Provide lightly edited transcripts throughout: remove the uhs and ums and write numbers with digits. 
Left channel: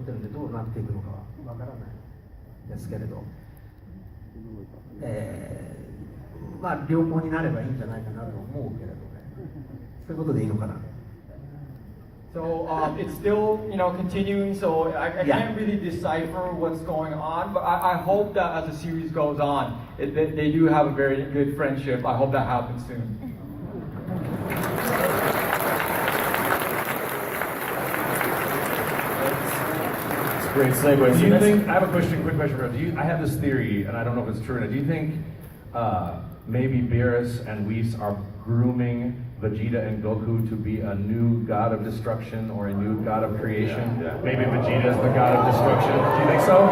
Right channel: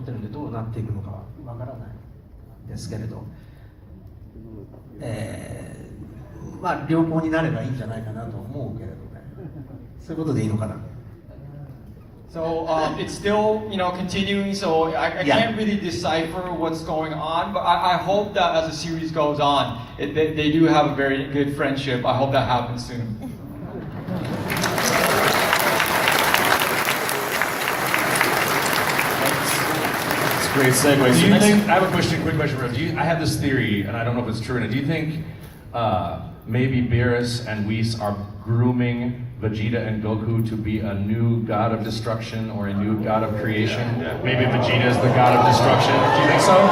ってるんでどうなっていくのかわからないですけれど、まあ良好になればいいんじゃないかなと思うけれどね。そういうことでいいのかな。So it's still, continuing. So I can't really decipher what's going on, but I hope that as the series goes on, they do have a very good friendship. I hope that happens soon. That's a great segue. Do you think? I have a question. Quick question, bro. I have this theory, and I don't know if it's true. Do you think maybe Beerus and Whis are grooming Vegeta and Goku to be a new god of destruction or a new god of creation? Yeah. Maybe Vegeta is the god of destruction. Do you think so?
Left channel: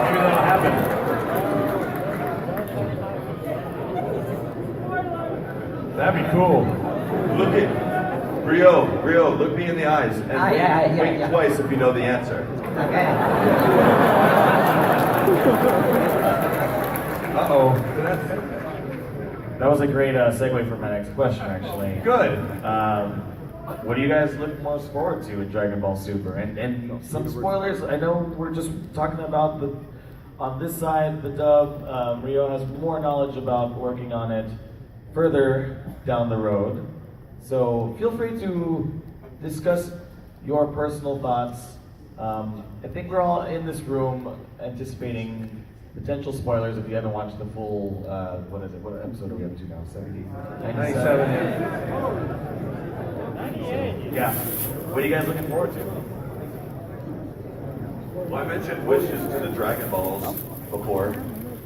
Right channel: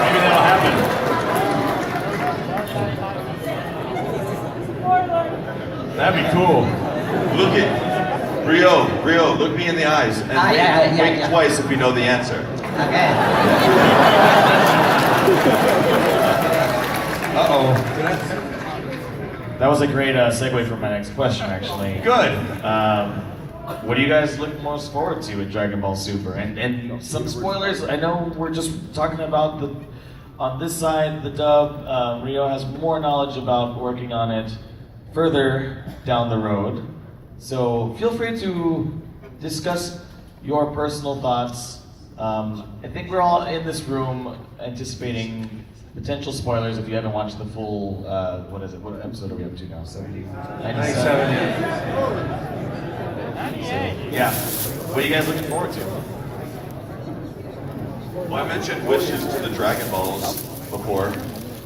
Maybe that'll happen. That'd be cool. Look at Rio, look me in the eyes and think twice if you know the answer. Uh-oh. That was a great segue for my next question, actually. Good. What do you guys look most forward to in Dragonball Super? And some spoilers. I know we're just talking about on this side, the dub. Rio has more knowledge about working on it further down the road. So feel free to discuss your personal thoughts. I think we're all in this room anticipating potential spoilers if you haven't watched the full, what episode are we up to now? 70? 97? Yeah. What are you guys looking forward to? Well, I mentioned wishes to the Dragon Balls before,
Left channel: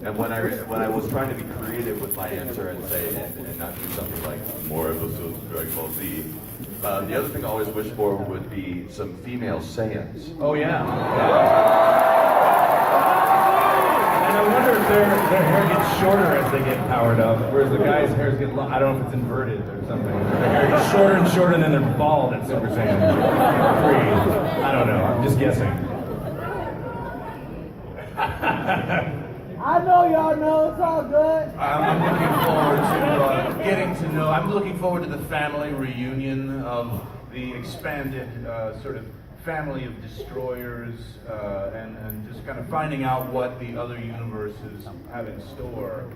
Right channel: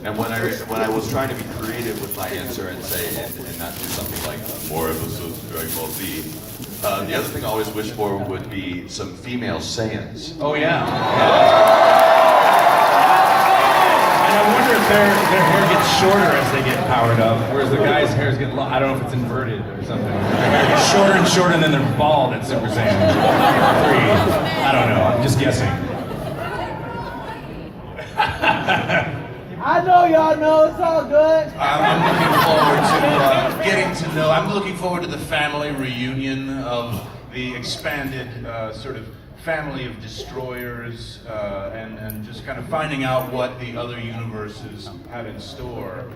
and when I was trying to be creative with my answer and say, and not do something like more episodes of Dragon Ball Z, the other thing I always wish for would be some female Saiyans. Oh yeah. I wonder if their hair gets shorter as they get powered up, whereas the guy's hair is getting long. I don't know if it's inverted or something. Their hair gets shorter and shorter, and then they're bald at Super Saiyan 3. I don't know. I'm just guessing. I know y'all know. It's all good. I'm looking forward to getting to know. I'm looking forward to the family reunion of the expanded sort of family of destroyers, and just kind of finding out what the other universes have in store,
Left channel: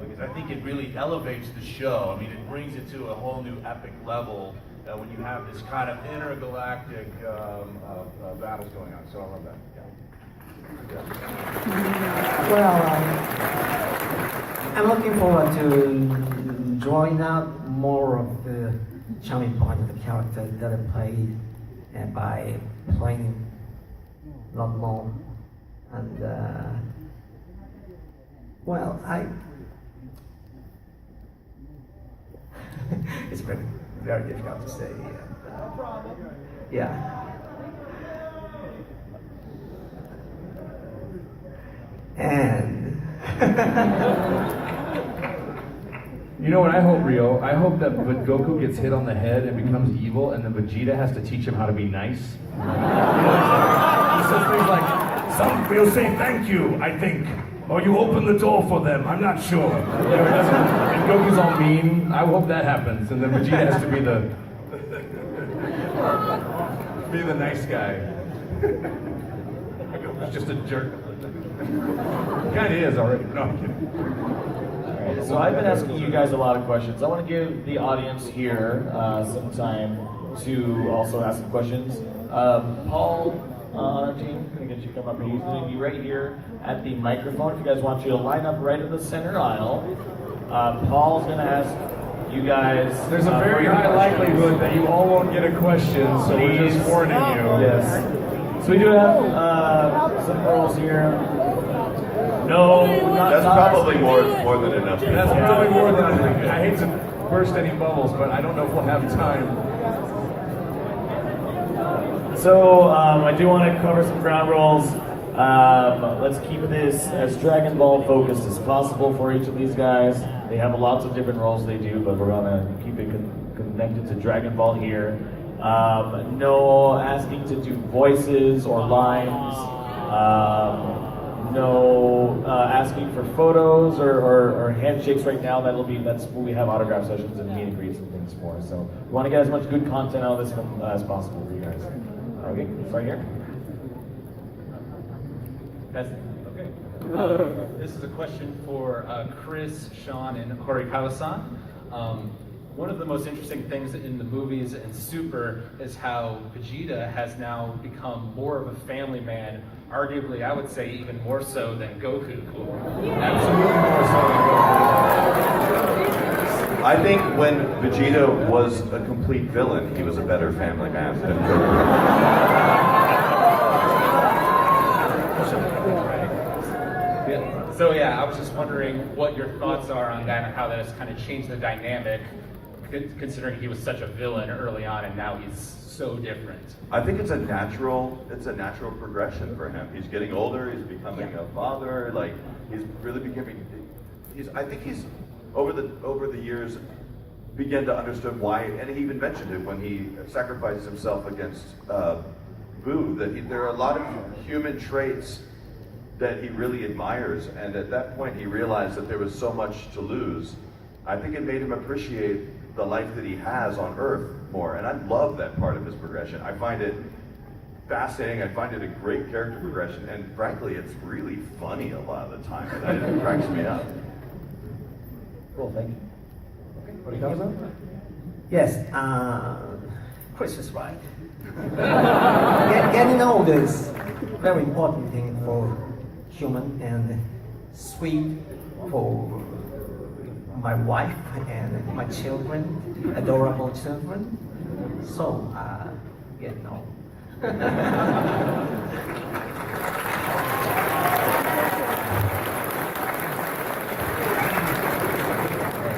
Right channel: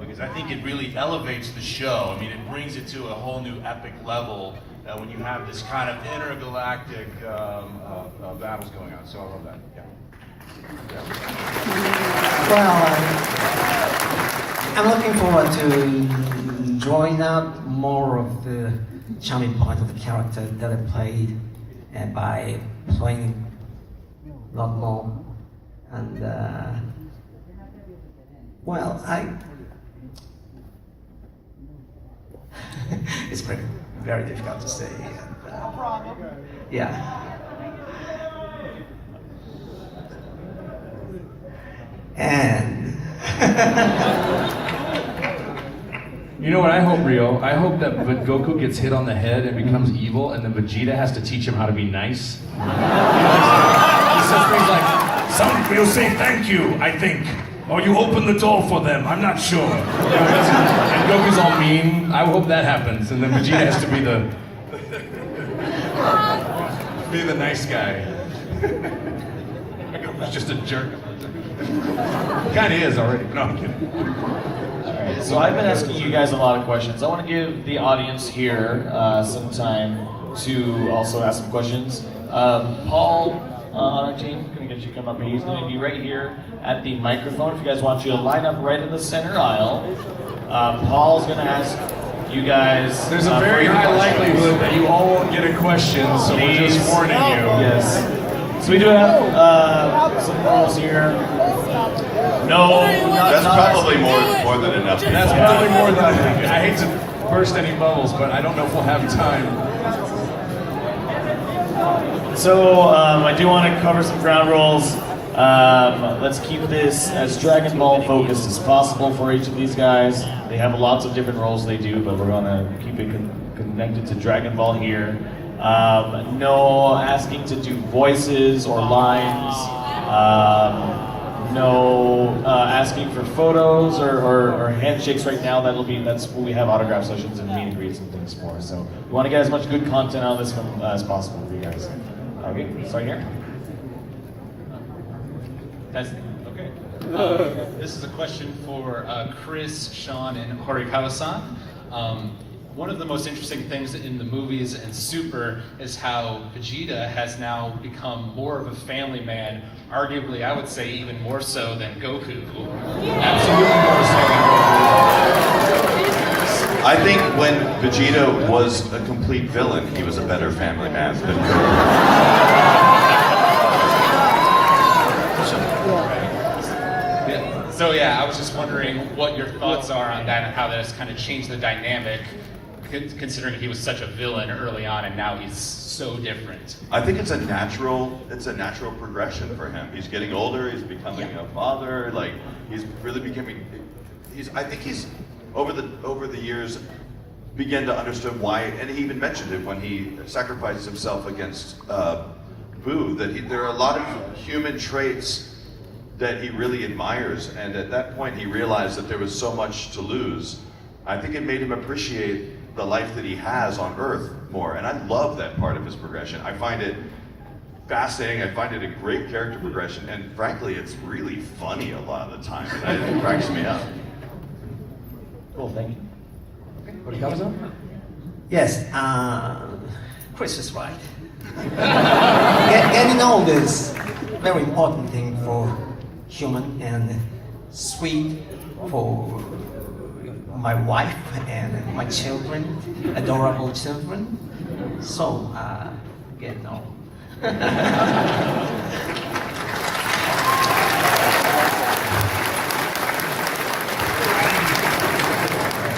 because I think it really elevates the show. I mean, it brings it to a whole new epic level when you have this kind of intergalactic battles going on. So I love that. Yeah. Well, I'm looking forward to drawing out more of the charming point of the character that I played, by playing a lot more. And well, it's very difficult to say. Yeah. And You know what I hope, Rio? I hope that Goku gets hit on the head and becomes evil, and then Vegeta has to teach him how to be nice. He says things like, "You'll say thank you, I think. Or you open the door for them, I'm not sure." And Goku's all mean. I hope that happens, and then Vegeta has to be the nice guy. Goku's just a jerk. Kind of is already. No, I'm kidding. Alright, so I've been asking you guys a lot of questions. I want to give the audience here some time to also ask some questions. Paul on our team, I'm going to get you to come up here. He's going to be right here at the microphone. If you guys want you to line up right in the center aisle, Paul's going to ask you guys. There's a very high likelihood that you all won't get a question, so we're just warning you. Yes. So we do have some rules here. No. That's probably more than enough. That's probably more than I think. I hate to burst any bubbles, but I don't know if we'll have time. So I do want to cover some ground rules. Let's keep this as Dragon Ball focused as possible for each of these guys. They have lots of different roles they do, but we're going to keep it connected to Dragon Ball here. No asking to do voices or lines. No asking for photos or handshakes right now. That's when we have autograph sessions and meet and greets and things for. So we want to get as much good content out of this one as possible for you guys. Okay, start here. That's okay. This is a question for Chris, Sean, and Horikawa-san. One of the most interesting things in the movies and Super is how Vegeta has now become more of a family man, arguably I would say even more so than Goku. Absolutely more so than Goku. I think when Vegeta was a complete villain, he was a better family man than Goku. So yeah, I was just wondering what your thoughts are on that and how that has kind of changed the dynamic, considering he was such a villain early on and now he's so different. I think it's a natural progression for him. He's getting older, he's becoming a father, like he's really becoming, I think he's, over the years, began to understand why, and he even mentioned it when he sacrifices himself against Boo, that there are a lot of human traits that he really admires, and at that point he realized that there was so much to lose. I think it made him appreciate the life that he has on Earth more, and I love that part of his progression. I find it fascinating, I find it a great character progression, and frankly, it's really funny a lot of the time. It cracks me up. Cool, thank you. Horikawa-san? Yes, Chris is right. Getting old is a very important thing for human, and sweet for my wife and my children, adorable children. So, getting old.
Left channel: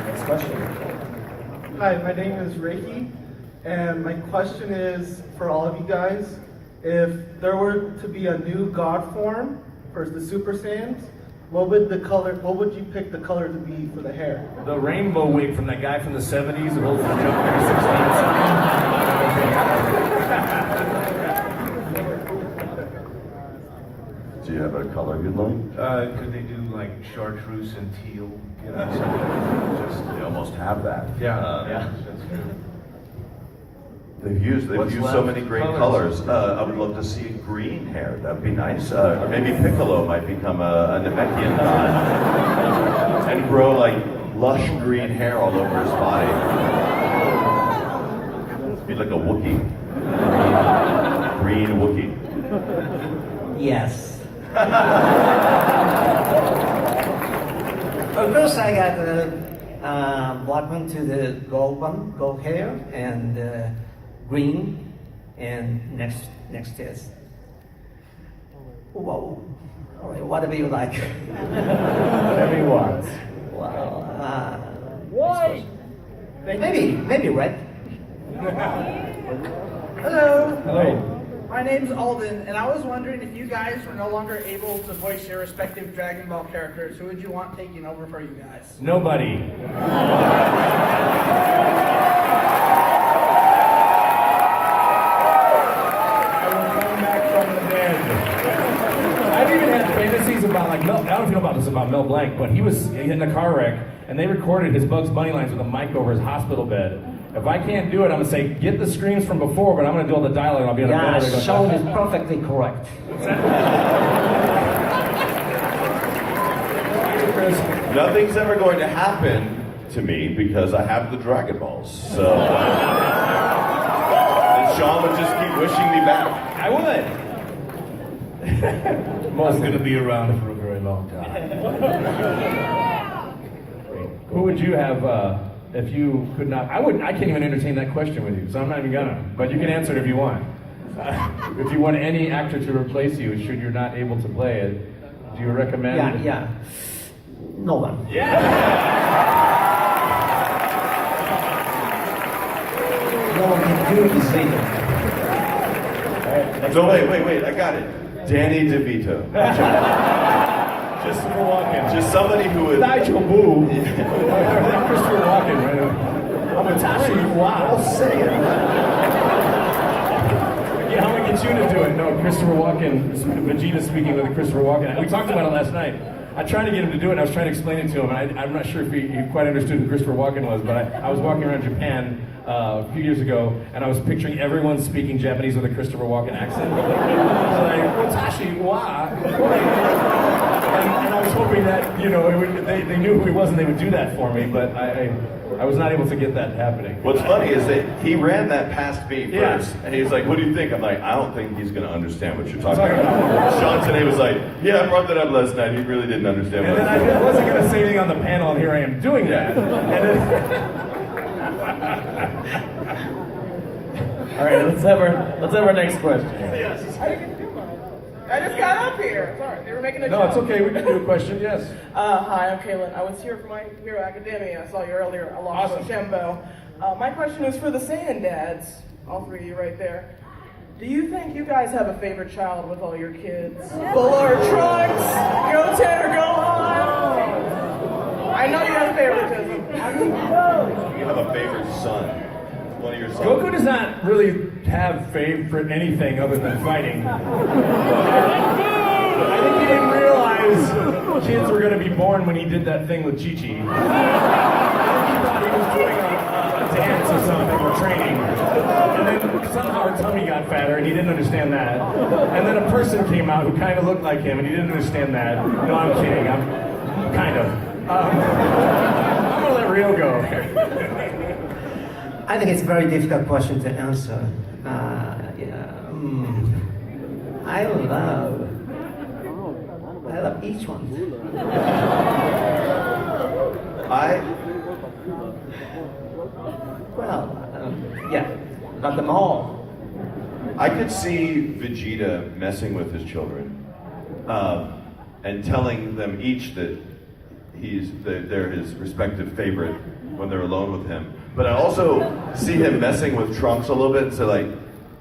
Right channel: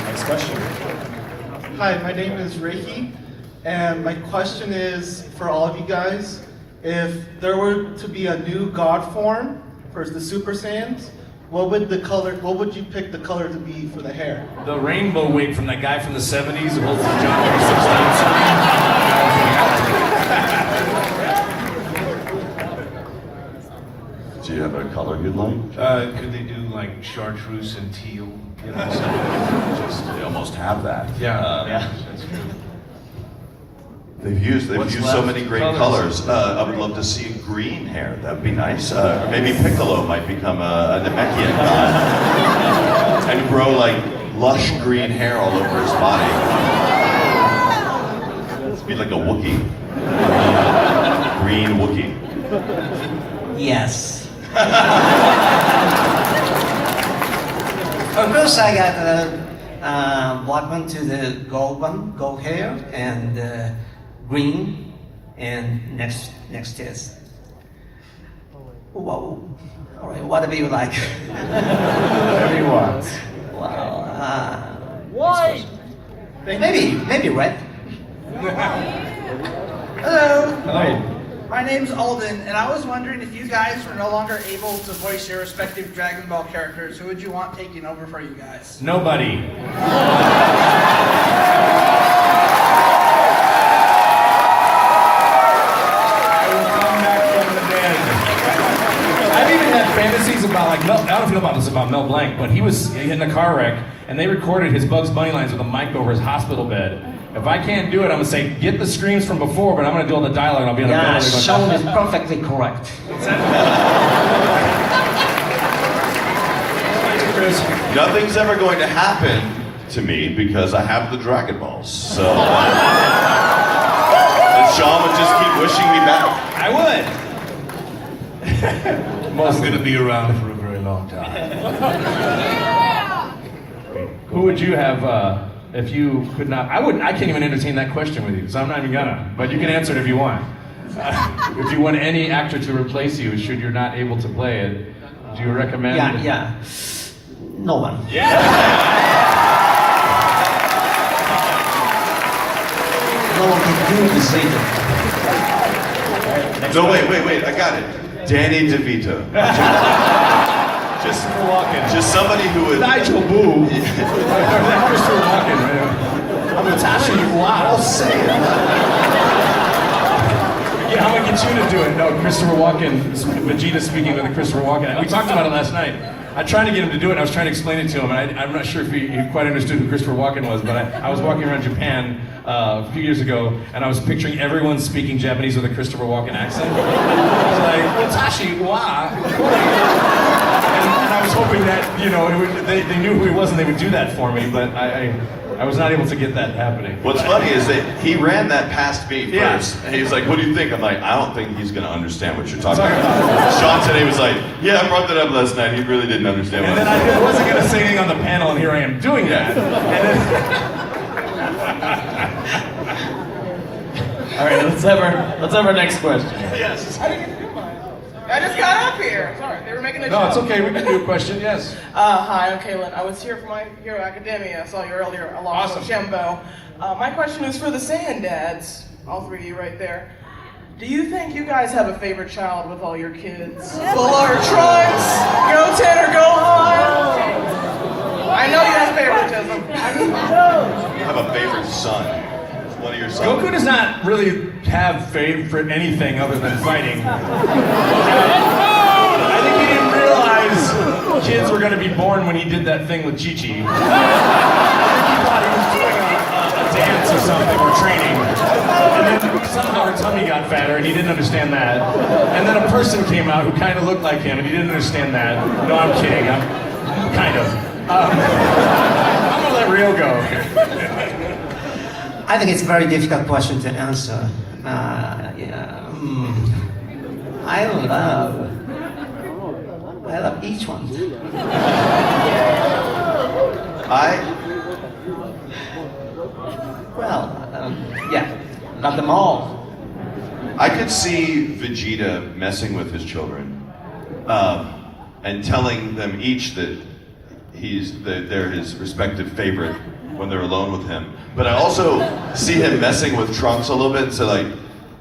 Next question. Hi, my name is Ricky, and my question is for all of you guys: if there were to be a new God form for the Super Saiyans, what would you pick the color to be for the hair? The rainbow wig from that guy from the 70s who holds the January 16th. Do you have a color you'd like? Could they do like chartreuse and teal? You know, They almost have that. yeah, that's true. They've used What's so left? many great Colors. colors. I would love to see green hair. That'd be nice. Or maybe Piccolo might become a Namekian god and grow like lush green hair all over his body. Be like a Wookiee. Green Wookiee. Yes. Of course, I got black one to the gold hair, and green, and next is. Whoa. All right, whatever you like. Whatever you want. Well, Why? maybe red. Hello, Hello. my name's Alden, and I was wondering if you guys were no longer able to voice your respective Dragon Ball characters, who would you want taking over for you guys? Nobody. I will come back from the dead. I've even had fantasies about like Mel. I don't know about this about Mel Blanc, but he was in a car wreck and they recorded his Bugs Bunny lines with a mic over his hospital bed. If I can't do it, I'm gonna say get the screams from before, but I'm gonna do all the dialogue and I'll be on the Yeah, bed. Sean is perfectly correct. Chris. Nothing's ever going to happen to me because I have the Dragon Balls. So and Sean would just keep wishing me back. I would. I'm gonna be around for a very long time. Who would you have if you could not? I can't even entertain that question with you, so I'm not even gonna. But you can answer it if you want. If you want any actor to replace you, should you're not able to play it, do you recommend? Yeah. No one. No one can do the same. No, wait, I got it. Danny DeVito. Christopher Walken. Just somebody who would. Nigel Boo. Christopher Walken, right? Natasha, you wow. Yeah, I'm gonna get you to do it. No, Christopher Walken, Vegeta speaking with Christopher Walken. We talked about it last night. I tried to get him to do it, and I was trying to explain it to him, and I'm not sure if he quite understood who Christopher Walken was, but I was walking around Japan a few years ago, and I was picturing everyone speaking Japanese with a Christopher Walken accent. I was like, Watashi wa. And I was hoping that, you know, they knew who he was and they would do that for me, but I was not able to get that happening. What's funny is that he ran that past me Yeah. first, and he's like, "What do you think?" I'm like, "I don't think he's gonna understand what you're talking about." Sean today was like, "Yeah, I brought that up last night. He really didn't understand." And what then I wasn't going to say anything on the panel, and here I am doing that. All right, let's have our next question. I just got up here. Sorry, they were making a No, joke. it's okay. We can do a question. Yes. Hi, I'm Kaylin. I was here for My Hero Academia. I saw you earlier along Awesome. with Jimbo. My question is for the Sand Dads, all three of you right there. Do you think you guys have a favorite child with all your kids? Buller, Trunks, Goten, or Gohan? I know you have favoritism. You have a favorite son. One of your sons. Goku does not really have favorite anything other than fighting. I think he didn't realize kids were going to be born when he did that thing with Chi-Chi. I think he thought he was doing a dance or something or training. And then somehow her tummy got fatter and he didn't understand that. And then a person came out who kind of looked like him and he didn't understand that. No, I'm kidding. I'm kind of. I'm going to let Rio go. I think it's a very difficult question to answer. I love each one. Love them all. I could see Vegeta messing with his children and telling them each that they're his respective favorite when they're alone with him. But I also see him messing with Trunks a little bit and say like,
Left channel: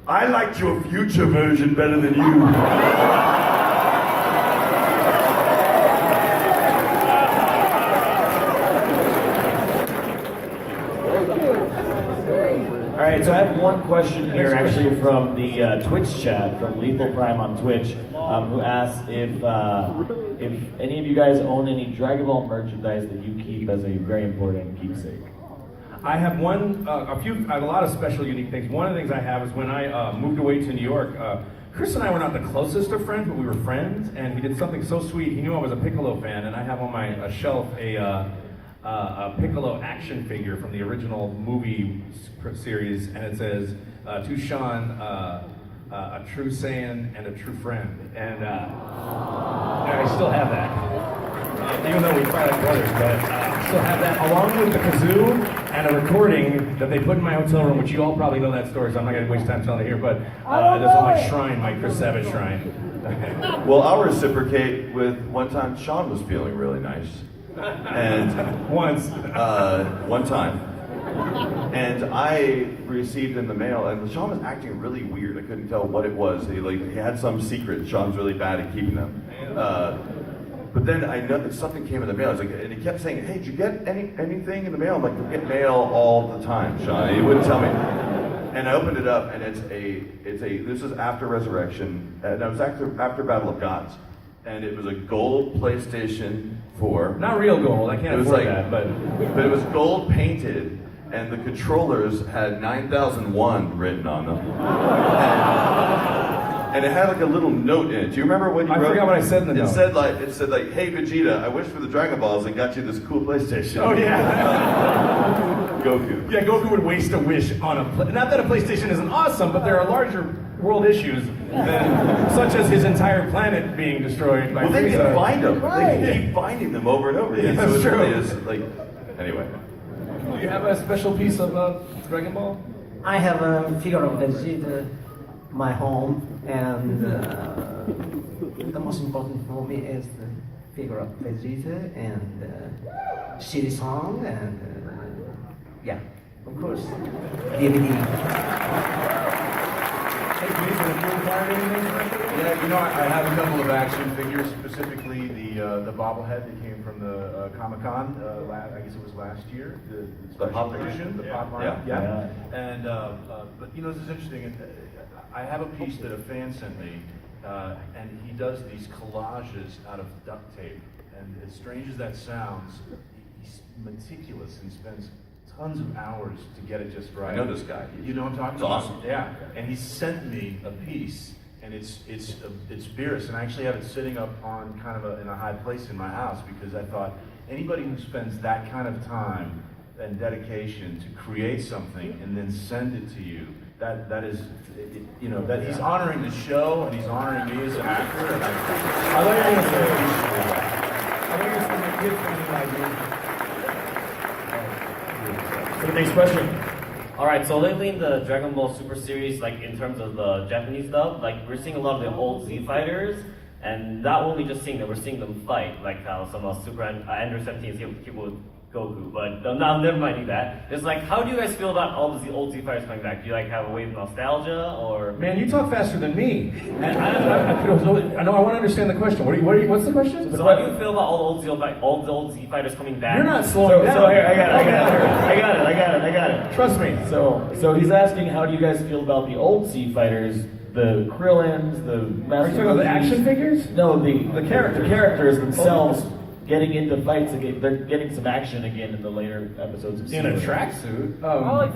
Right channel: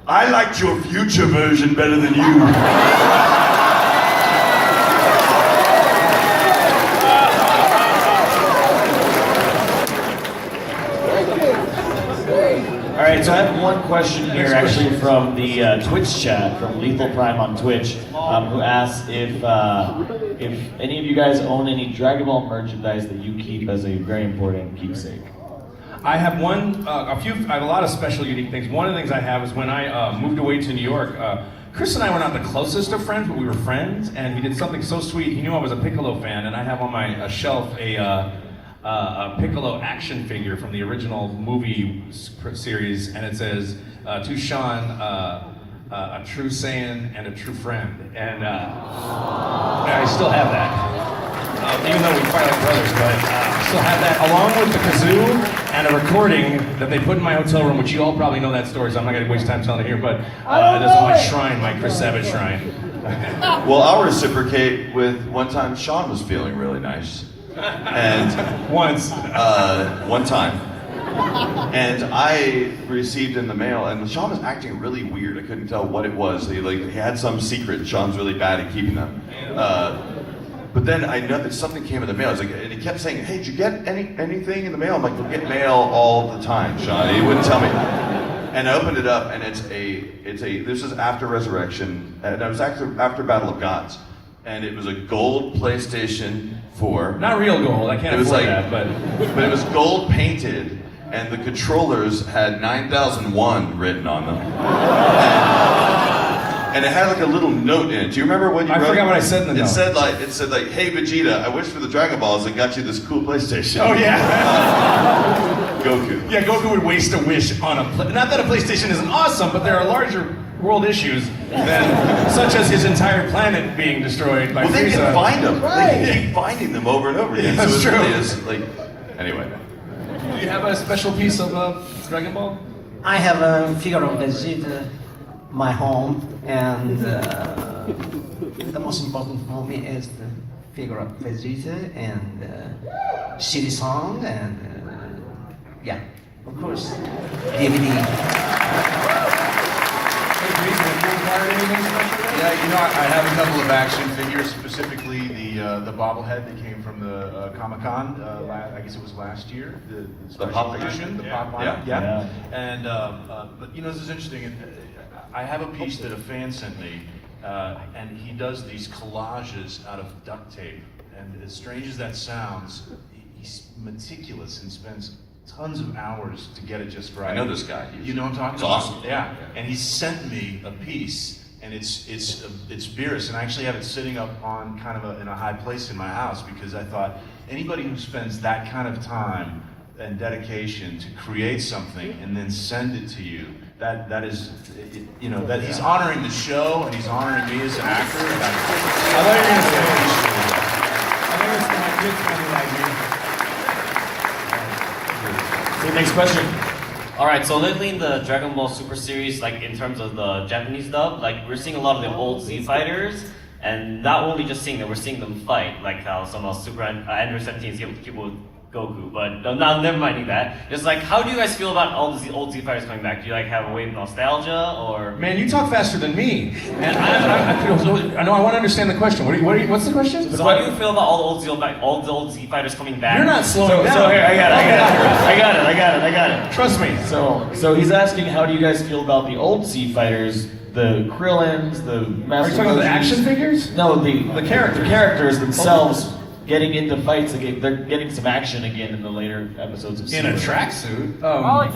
I liked your future version better than you. All right, so I have one question here, actually from the Twitch chat from Lethal Prime on Twitch, who asks if any of you guys own any Dragon Ball merchandise that you keep as a very important keepsake. I have I have a lot of special, unique things. One of the things I have is when I moved away to New York, Chris and I were not the closest of friends, but we were friends, and we did something so sweet. He knew I was a Piccolo fan, and I have on my shelf a Piccolo action figure from the original movie series, and it says, to Sean, a true Saiyan and a true friend. And I still have that. Even though we fight like brothers, but I still have that, along with the kazoo and a recording that they put in my hotel room, which you all probably know that story, so I'm not going to waste time telling it here, but that's on my shrine, my Chris Savage shrine. Well, I'll reciprocate with one time Sean was feeling really nice. And one time. And I received in the mail, and Sean was acting really weird. I couldn't tell what it was. He had some secret. Sean's really bad at keeping them. But then I know that something came in the mail. And he kept saying, "Hey, did you get anything in the mail?" I'm like, "We get mail all the time, Sean." And he wouldn't tell me. And I opened it up, and this is after Resurrection, and it was after Battle of Gods, and it was a gold PlayStation 4. Not real gold, I can't afford that, but it was gold painted, and the controllers had 9001 written on them. And it had like a little note in it. Do you remember when you wrote? I forgot what I said in the note. It said like, "Hey Vegeta, I wish for the Dragon Balls I got you this cool PlayStation." Oh yeah. Goku. Yeah, Goku would waste a wish on not that a PlayStation isn't awesome, but there are larger world issues such as his entire planet being destroyed by Frieza. They can find them. Right. They keep finding them over and over again. Yeah, that's so true. Really is anyway. Do you have a special piece of Dragon Ball? I have a figure of Vegeta in my home, and the most important for me is the figure of Vegeta and CD song, and yeah, of course, DVD. Yeah, I have a couple of action figures, specifically the bobblehead that came from the Comic-Con, I guess it was last year. The pop edition, the pop line. Yeah. And but this is interesting. I have a piece that a fan sent me, and he does these collages out of duct tape. And as strange as that sounds, he's meticulous and spends tons of hours to get it just right. I know this guy. You know what I'm talking It's about? awesome. Yeah. And he sent me a piece, and it's Beerus, and I actually have it sitting up on kind of in a high place in my house because I thought anybody who spends that kind of time and dedication to create something and then send it to you, that is, you know, that he's honoring the show and he's honoring me as an actor. And I thought you were gonna say, I think it's my good friend So next question. All right, so lately in the Dragon Ball Super series, like in terms of the Japanese dub, like we're seeing a lot of the old Z fighters, and not only just seeing them, we're seeing them fight, like how some Super Android 17 is able to keep with Goku. But no, never minding that. Just like, how do you guys feel about all the old Z fighters coming back? Do you like have a wave of nostalgia, or? Man, you talk faster than me. And I know I want to understand the question. What's the question? So how do you feel about all the old Z fighters coming back? You're not slowing down. So here, I got it. Trust me. So he's asking, how do you guys feel about the old Z fighters, the Krillins, the Master Are you talking about the Gogos? action figures? No, the characters. The characters themselves getting into fights again. They're getting some action again in the later episodes of In a Super. tracksuit? No, not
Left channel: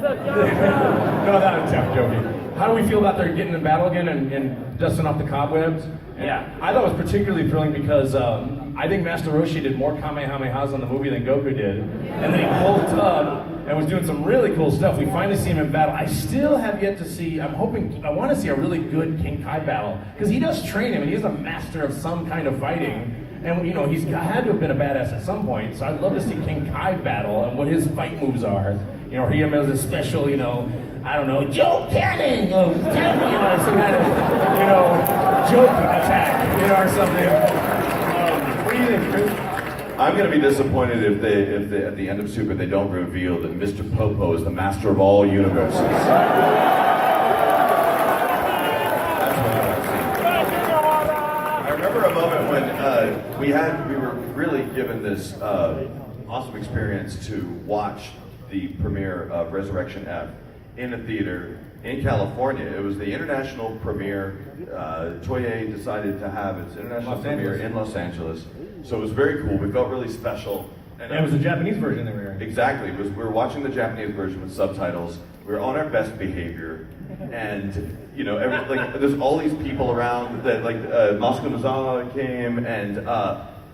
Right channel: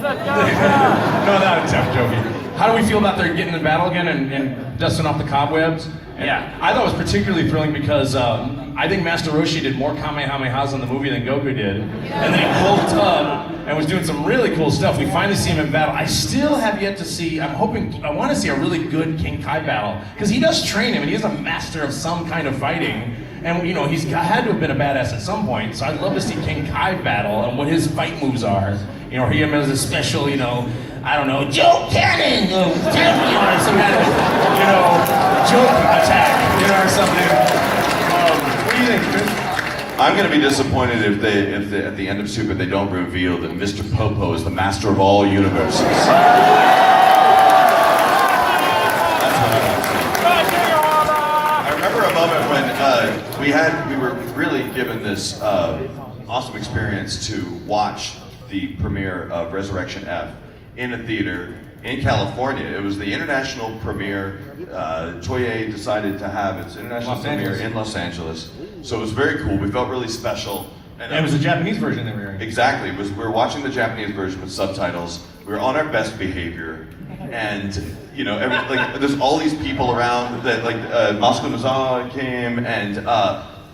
joking. How do we feel about their getting in battle again and dusting off the cobwebs? Yeah. I thought it was particularly thrilling because I think Master Roshi did more Kamehamehas in the movie than Goku did. And then he pulled a tub and was doing some really cool stuff. We finally see him in battle. I still have yet to see, I want to see a really good King Kai battle. Because he does train him and he's a master of some kind of fighting. And you know, he's had to have been a badass at some point. So I'd love to see King Kai battle and what his fight moves are. You know, he has a special, you know, I don't know, Joe Cannon, or some kind of, you know, joke attack, you know, or something. What do you think, Chris? I'm going to be disappointed if they at the end of Super they don't reveal that Mr. Popo is the master of all universes. That's what I want to see. I remember a moment when we were really given this awesome experience to watch the premiere of Resurrection F in a theater in California. It was the international premiere. Toei decided to have its international premiere in Los Angeles. So it was very cool. We felt really special. And it was the Japanese version that we were in. Exactly. We were watching the Japanese version with subtitles. We were on our best behavior. And, you know, there's all these people around that, Masuko Nozawa came, and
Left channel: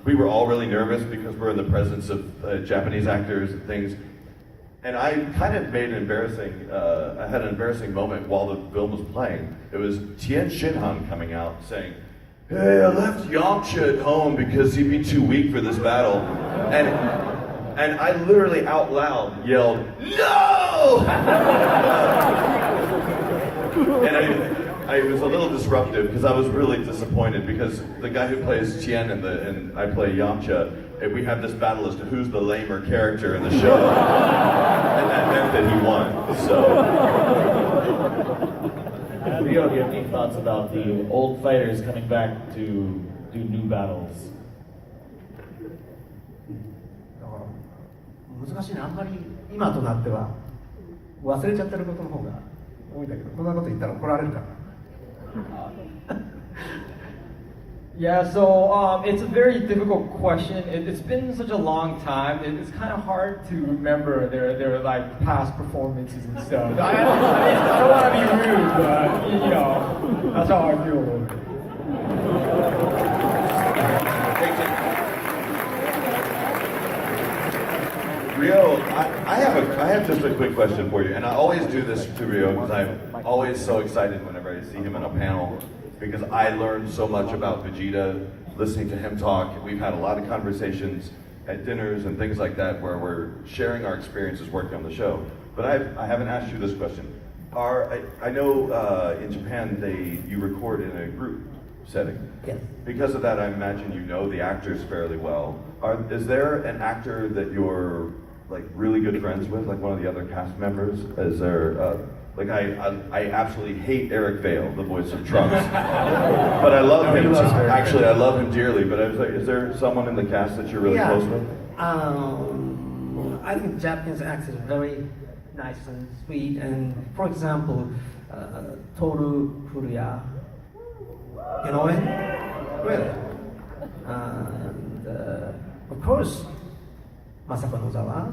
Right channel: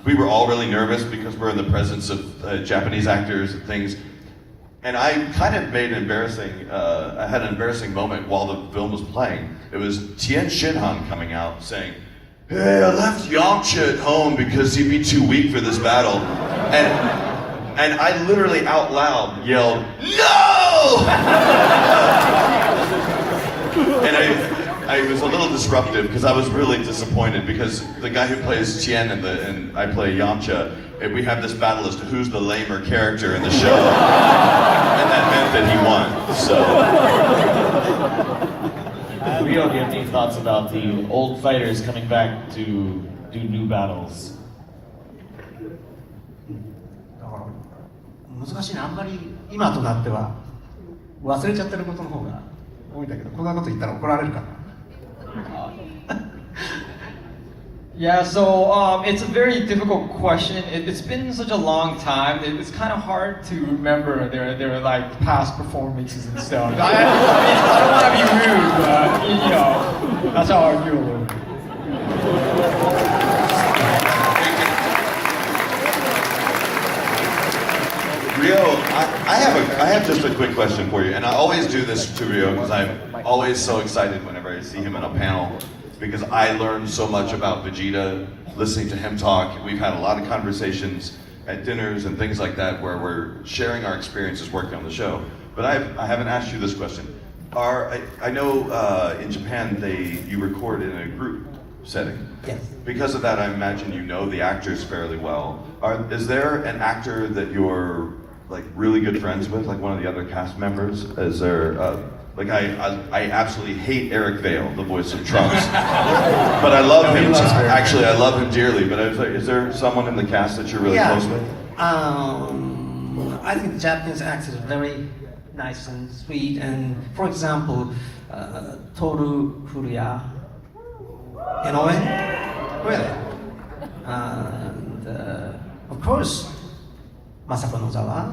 we were all really nervous because we're in the presence of Japanese actors and things. And I kind of made I had an embarrassing moment while the film was playing. It was Tien Shinhan coming out saying, "Hey, I left Yamcha at home because he'd be too weak for this battle." And I literally out loud yelled, "No!" And I was a little disruptive because I was really disappointed because the guy who plays Tien and I play Yamcha, and we have this battle as to who's the lamer character in the show. And that meant that he won, so. Rio, do you have any thoughts about the old fighters coming back to do new battles? 難しいな、あんまり今となっては忘れちゃってることの方が多いんだけど、こんなこと言ったら怒られるかな。Yeah, so it's a very difficult question. It's been such a long time. It's kind of hard to remember their like past performances and stuff. I don't want to be rude, but you know, that's how I feel. Rio, I have just a quick question for you, and I always do this to Rio because I'm always so excited whenever I see him in a panel, because I learn so much about Vegeta listening to him talk. We've had a lot of conversations at dinners and things like that where we're sharing our experiences working on the show. But I haven't asked you this question. I know in Japan you record in a group setting. Yes. Because of that, I imagine you know the actors fairly well. Is there an actor that you're like really good friends with, like one of the other cast members? Is there I absolutely hate Eric Vale, the voice of Trunks, but I love him. Actually, I love him dearly. But is there someone in the cast that you're really close with? I think Japanese actors are very nice and sweet. And for example, Toru Furuya, you know him? Really? And course, Masako Nozawa.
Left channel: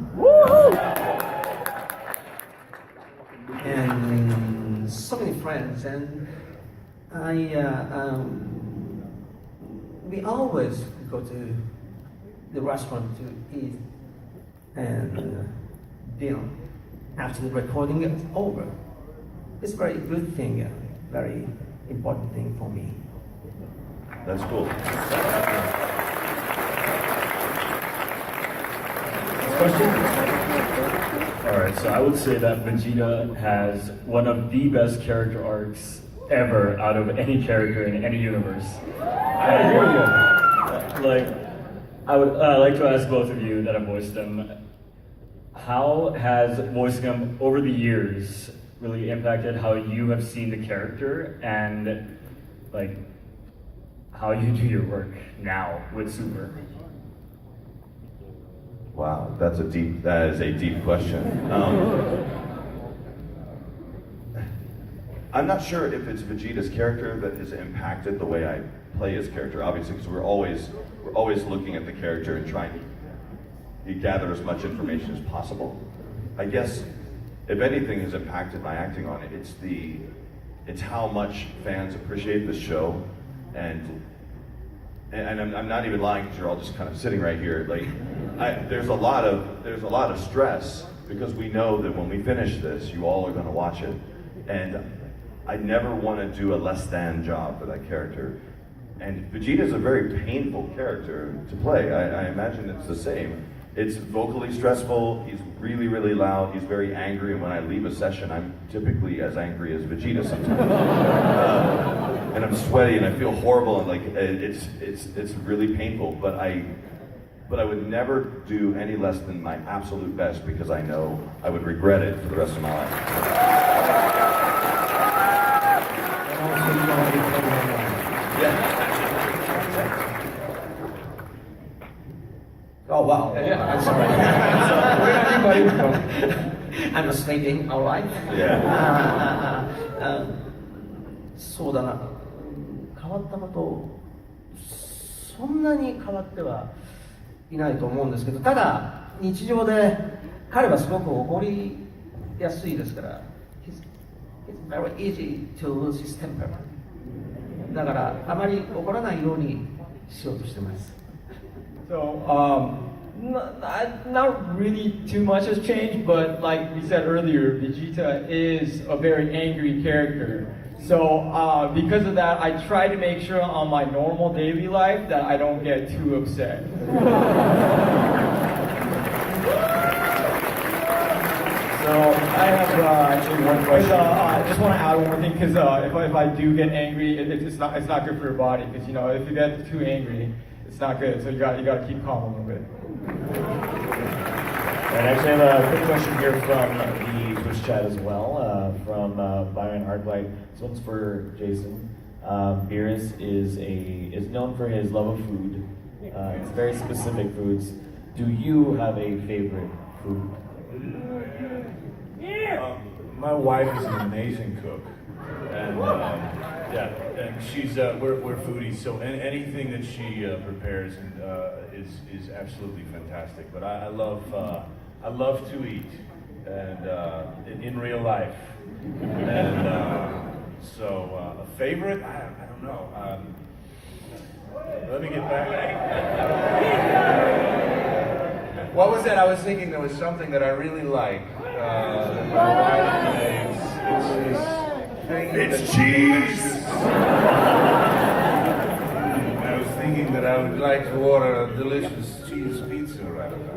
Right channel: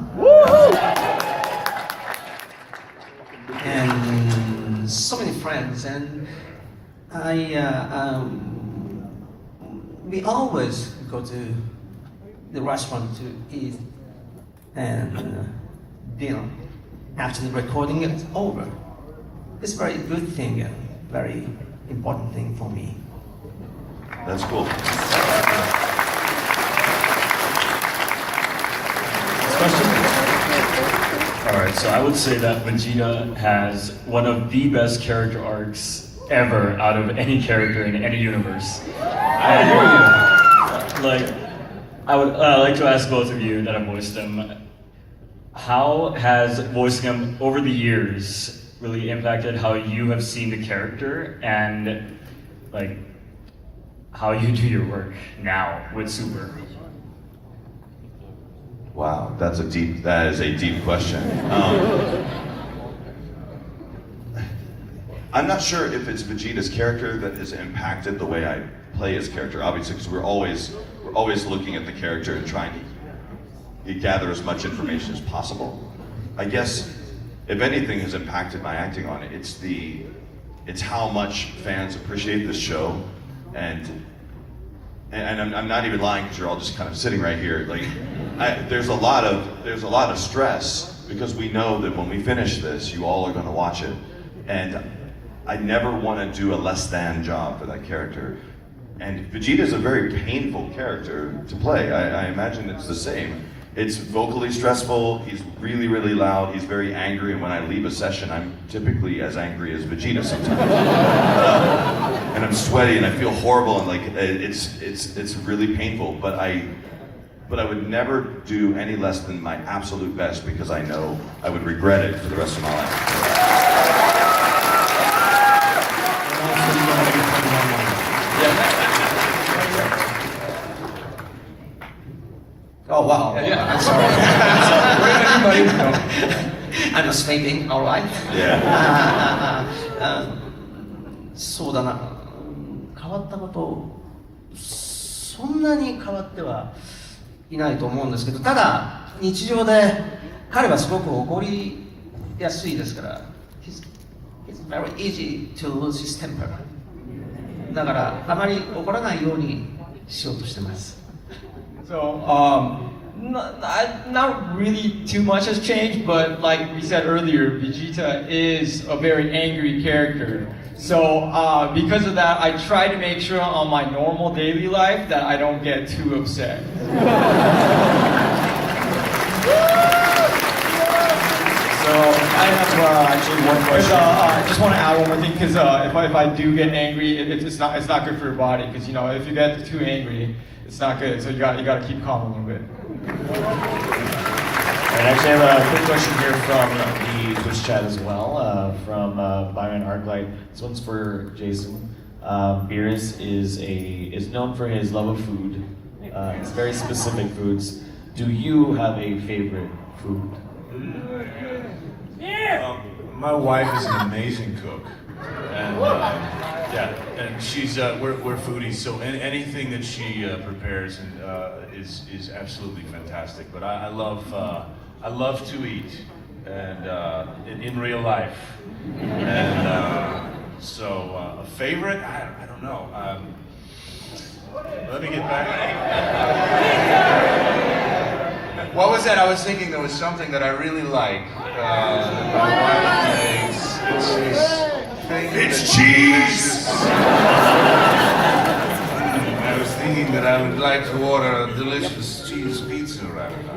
And so many friends, and we always go to the restaurant to eat and dinner after the recording is over. It's a very good thing, and very important thing for me. That's cool. All right, so I would say that Vegeta has one of the best character arcs ever out of any character in any universe. I would like to ask both of you that have voiced him, how has voicing him over the years really impacted how you have seen the character and like how you do your work now with Super? Wow, that is a deep question. I'm not sure if it's Vegeta's character that has impacted the way I play his character, obviously, because we're always looking at the character and trying to gather as much information as possible. I guess, if anything has impacted my acting on it, it's how much fans appreciate this show, and I'm not even lying because you're all just kind of sitting right here. Like, there's a lot of stress because we know that when we finish this, you all are going to watch it, and I never want to do a less than job for that character. And Vegeta is a very painful character to play. I imagine it's the same. It's vocally stressful, he's really, really loud, he's very angry, and when I leave a session, I'm typically as angry as Vegeta sometimes. And I'm sweaty and I feel horrible, and like, it's really painful, but I would never do any less than my absolute best because I know I would regret it for the rest of my life. Oh wow! Yeah. I'm sorry. Everybody know. I'm sleeping. All right. Yeah. そうだな。変わったこと、そんなに変わってはいないと思うんですけど、ただ日常で彼はすごく怒りやすいですから、it's very easy to lose his temper。だからあまり怒らないようにしようとしてます。So, not really too much has changed, but like we said earlier, Vegeta is a very angry character. So, because of that, I try to make sure on my normal daily life that I don't get too upset. So, I have actually one question. I just want to add one more thing, because if I do get angry, it's not good for your body, because you know, if you get too angry, it's not good. So you got to keep calm a little bit. And I actually have a quick question here from the Twitch chat as well, from Byron Arclight. This one's for Jason. Beerus is known for his love of food. It's very specific foods. Do you have a favorite food? My wife is an amazing cook, and and she's we're foodies, so anything that she prepares is absolutely fantastic. But I love to eat, and in real life, and so a favorite, I don't know. Let me get back. What was that? I was thinking there was something that I really like. My wife makes. It's cheese! I was thinking that I would like to order a delicious cheese pizza right now.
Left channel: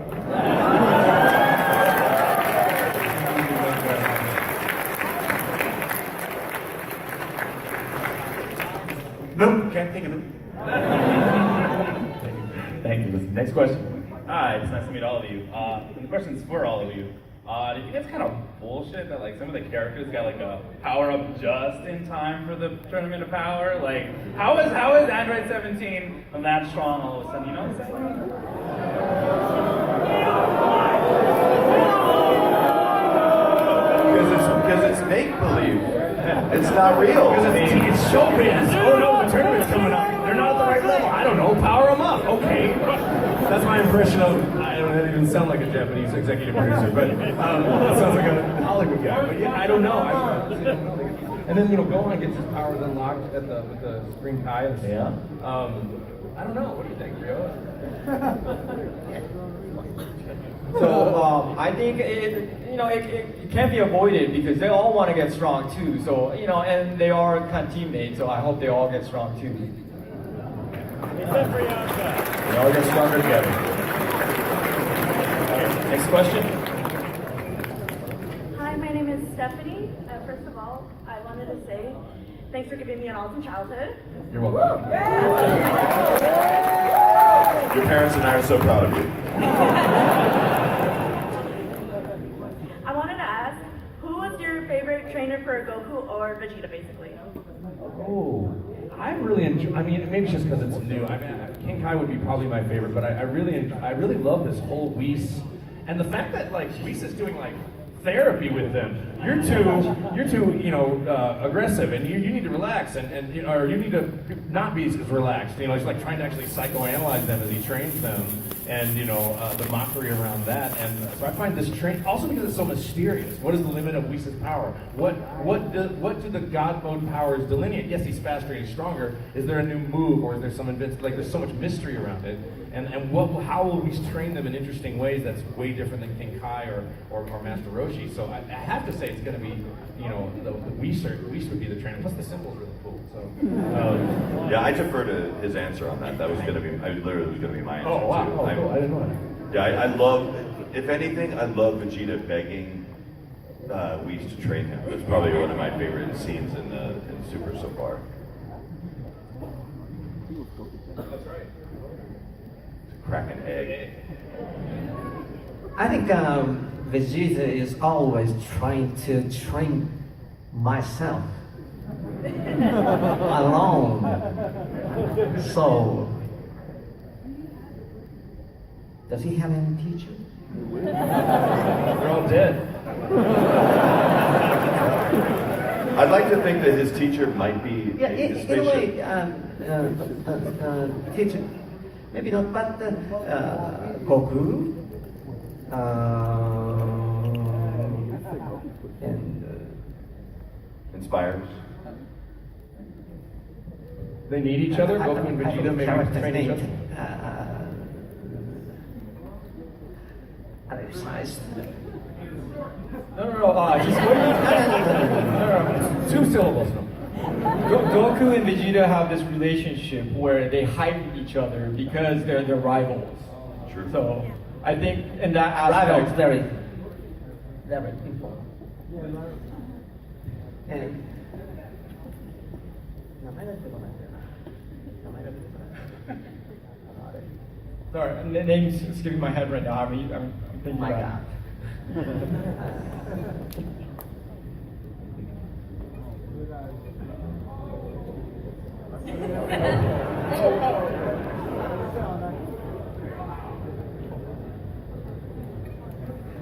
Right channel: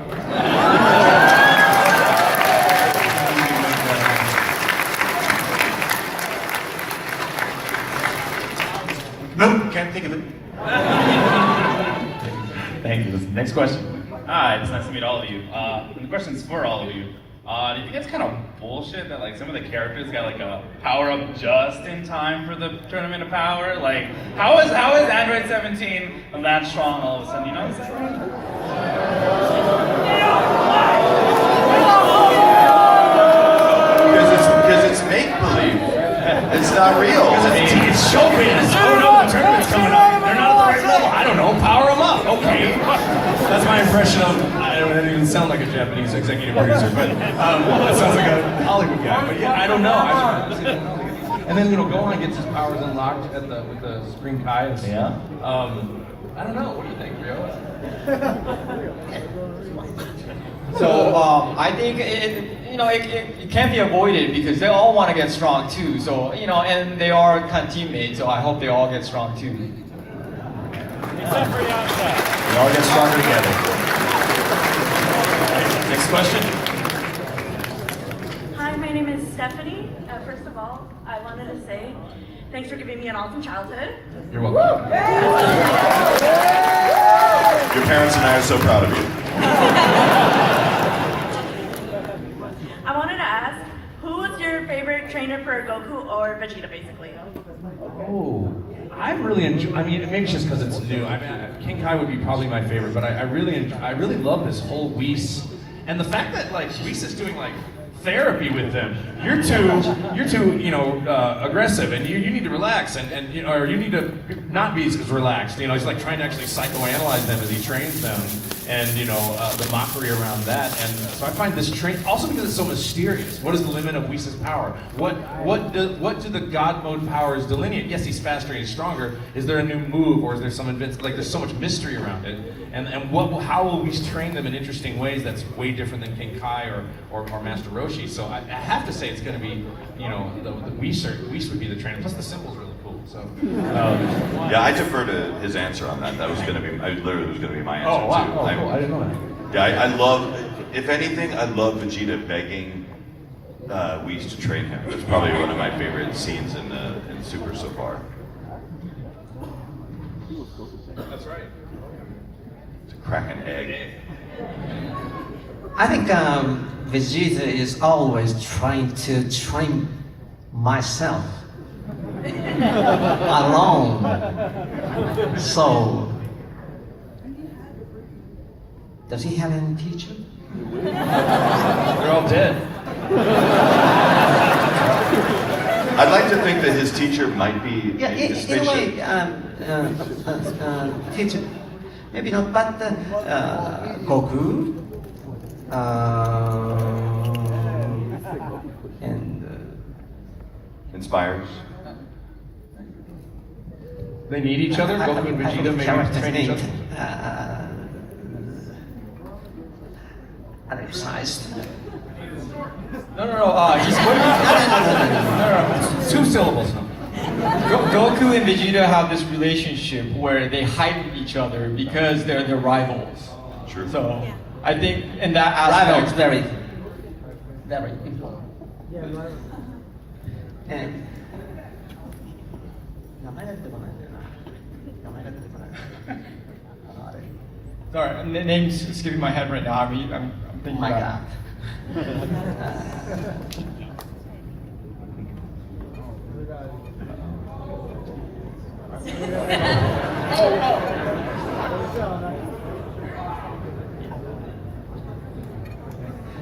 Nope, can't think of it. Thank you. Next question. Hi, it's nice to meet all of you. The question's for all of you. Do you think it's kind of bullshit that like some of the characters got like a power up just in time for the Tournament of Power? Like, how is Android 17 that strong all of a sudden? You know what I'm saying? Because it's make believe. It's not real. It's showbiz. Oh no, the tournament's coming up. They're not at the right level. I don't know. Power them up. Okay. That's my impression. impression of, I don't even sound like a Japanese executive producer, but that sounds like a Hollywood guy. But yeah, I don't know. And then, Gohan gets his powers unlocked with the Spring Kai. Yeah. I don't know. What do you think, Rio? So I think it can't be avoided because they all want to get strong too. So and they are kind of teammates. So I hope they all get strong too. We all get stronger together. Next question. Hi, my name is Stephanie. First of all, I wanted to say thanks for giving me an awesome childhood. You're welcome. Your parents and I are so proud of you. I wanted to ask, who was your favorite trainer for Goku or Vegeta, basically? Oh, I really enjoy. I mean, maybe it's just because it's new. I mean, King Kai would be probably my favorite, but I really love this whole Whis, and the fact that like Whis is doing like therapy with them. You're too aggressive, and you need to relax, and or you need to not be as relaxed. He's like trying to actually psychoanalyze them as he trains them, and the mockery around that. And so I find this train also because it's so mysterious. What is the limit of Whis' power? What do the God mode powers delineate? Yes, he's faster and he's stronger. Is there a new move, or is there some there's so much mystery around it? And how will we train them in interesting ways that's way different than King Kai or Master Roshi? So I have to say it's going to be, the Whis would be the trainer. Plus the symbol's really cool. So yeah, I defer to his answer on that. That was going to be, literally was going to be my answer oh wow, too. cool. I didn't know that. Yeah, I love. If anything, I love Vegeta begging Whis to trade him. It's probably one of my favorite scenes in Super so far. That's right. Crack an egg. I think Vegeta is always trying to train myself alone. So, does he have any teacher? They're all dead. I'd like to think that his teacher might be Yeah, his in a way, spaceship. teacher. Maybe not, but Goku and Inspires. They need each other. Goku and Vegeta maybe train each other. Undersized. No. He's No. 2 syllables. Goku and Vegeta have this relationship where they heighten each other because they're rivals. True. So I think in that aspect, Rivals, very important. sorry, the name's skipping my head right now. I'm thinking My about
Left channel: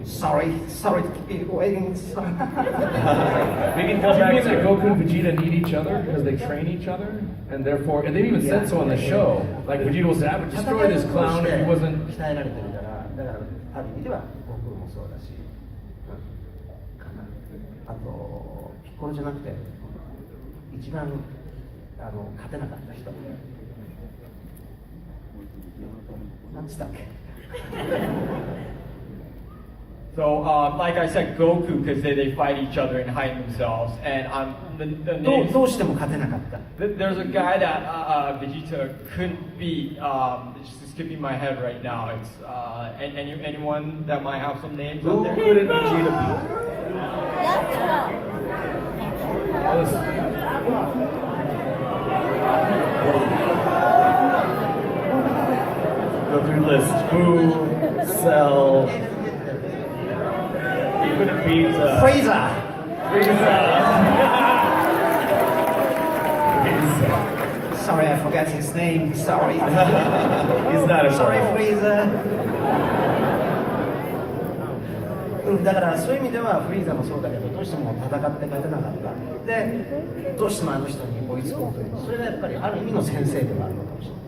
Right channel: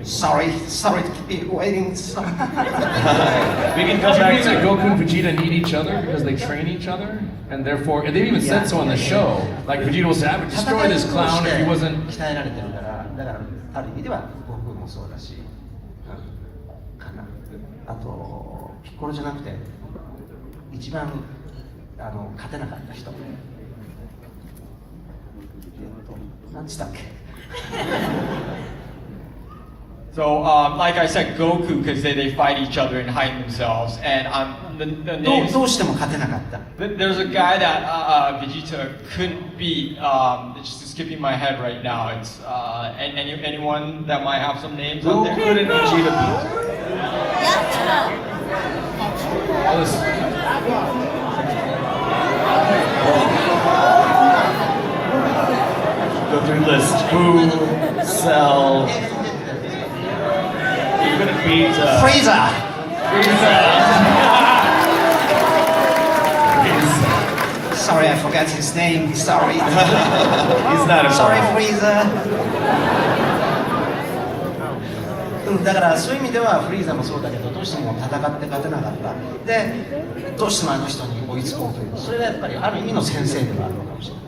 Sorry to keep you waiting. So. We can go back to Goku and Vegeta need each other because they train each other, and therefore, and they even said so on the show. Like Vegeta will say, "I would destroy this clown if he wasn't." 鍛えられてるから、だからある意味では悟空もそうだし、かな。あとピッコロじゃなくて一番勝てなかった人。何つったっけ？ So, like I said, Goku, because they fight each other and hide themselves, and the names. どうしても勝てなかった。 There's a guy that Vegeta couldn't beat. Just skipping my head right now. It's anyone that might have some names out there. Couldn't Vegeta Go through the list. Boo, Cell. You couldn't beat Frieza. Sorry, I forgot his name. Sorry. He's not a Sorry, Frieza. だからそういう意味ではフリーザもそうだけどどうしても戦って勝てなかったでどうしてもあの人に追いつこうというそれがやっぱりある意味の先生ではあるのかもしれない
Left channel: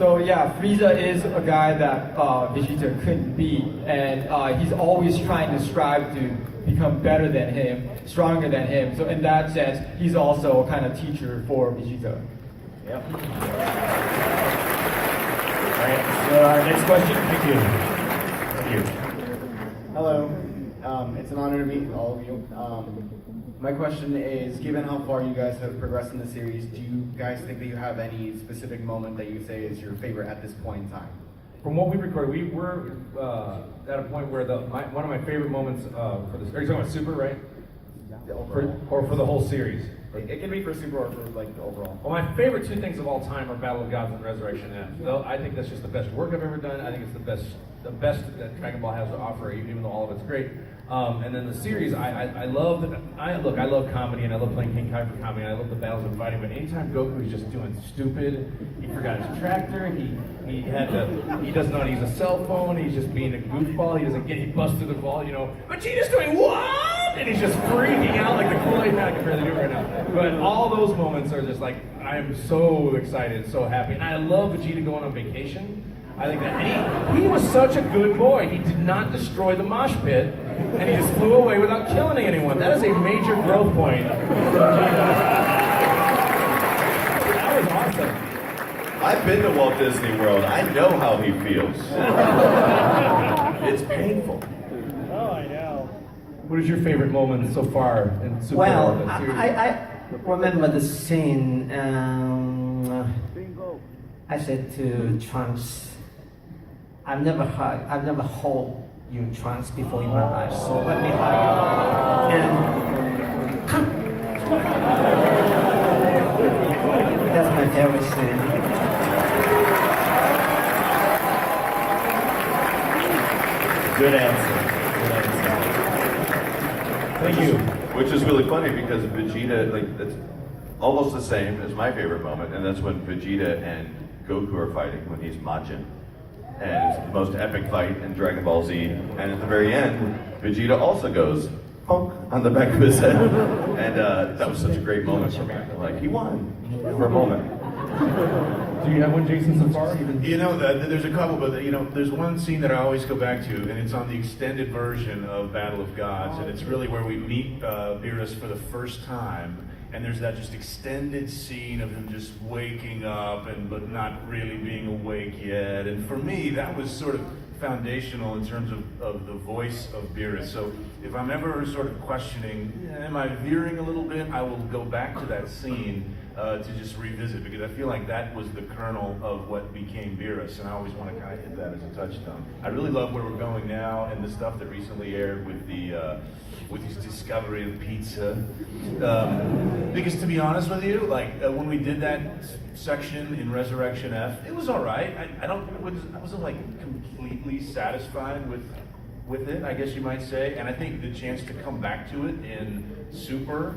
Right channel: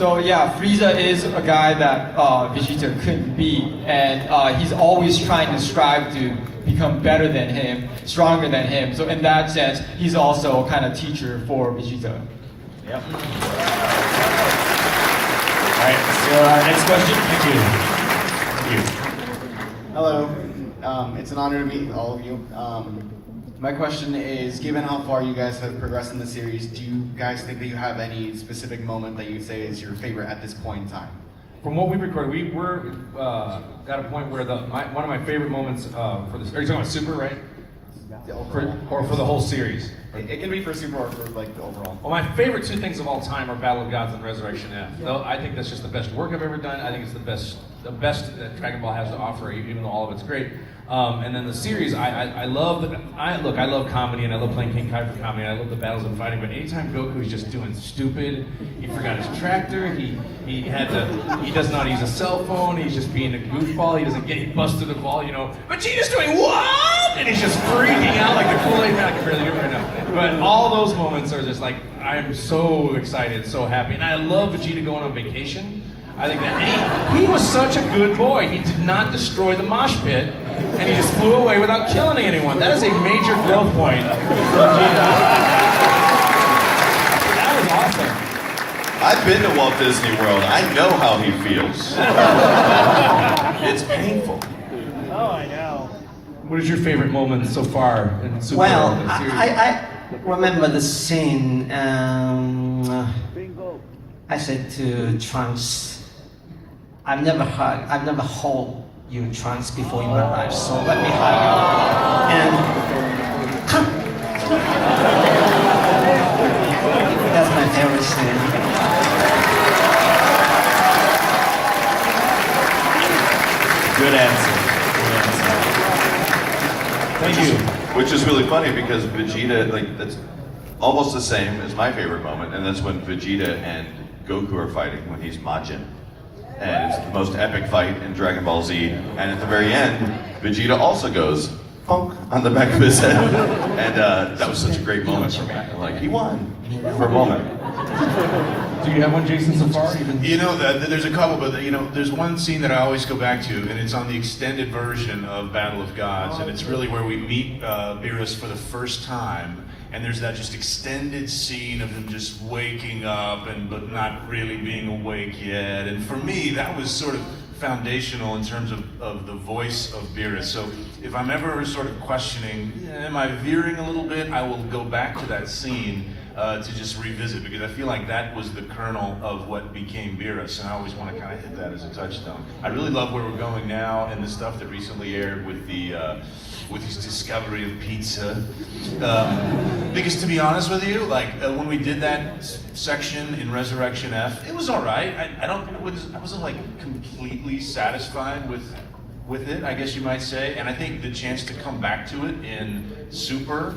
So yeah, Frieza is a guy that Vegeta couldn't beat, and he's always trying to strive to become better than him, stronger than him. So in that sense, he's also a kind of teacher for Vegeta. Yep. All right, so next question. Thank you. Thank you. Hello. It's an honor to meet all of you. My question is, given how far you guys have progressed in the series, do you guys think that you have any specific moment that you would say is your favorite at this point in time? From what we recorded, we're at a point where one of my favorite moments for this. Are you talking about Super, right? Or for the whole series? It can be for Super or for like the overall. Well, my favorite two things of all time are Battle of Gods and Resurrection F. Though I think that's just the best work I've ever done. I think it's the best that Dragon Ball has to offer, even though all of it's great. And then the series, I love comedy, and I love playing King Kai for comedy, and I love the battles and fighting. But anytime Goku is just doing stupid, he forgot his tractor, he doesn't know how to use a cell phone, he's just being a goofball, he busted the ball, Vegeta's doing what? And he's just freaking out like the Kool-Aid Man. I can barely do it right now. But all those moments are just like, I'm so excited, so happy. And I love Vegeta going on vacation. I think that he was such a good boy. He did not destroy the mosh pit, and he just flew away without killing anyone. That is a major growth point for Vegeta. That was awesome. I've been to Walt Disney World. I know how he feels. It's painful. What is your favorite moment so far in Super? Well, the series? I remember the scene. I said to Trunks, I've never held you, Trunks, before in my life, so let me hug you. And that's my favorite scene. Good answer. Thank you. Which is really funny because Vegeta, that's almost the same as my favorite moment, and that's when Vegeta and Goku are fighting when he's Majin. And it's the most epic fight in Dragon Ball Z. And at the very end, Vegeta also goes bonk on the back of his head. And that was such a great moment for me. Like, he won for a moment. Do you have one, Jason, so far? There's a couple, but there's one scene that I always go back to, and it's on the extended version of Battle of Gods, and it's really where we meet Beerus for the first time, and there's that just extended scene of him just waking up but not really being awake yet. And for me, that was sort of foundational in terms of the voice of Beerus. So if I'm ever sort of questioning, am I veering a little bit, I will go back to that scene to just revisit, because I feel like that was the kernel of what became Beerus, and I always want to kind of hit that as a touchstone. I really love where we're going now, and the stuff that recently aired with with his discovery of pizza. Because to be honest with you, when we did that section in Resurrection F, it was all right. I wasn't like completely satisfied with it, I guess you might say. And I think the chance to come back to it in Super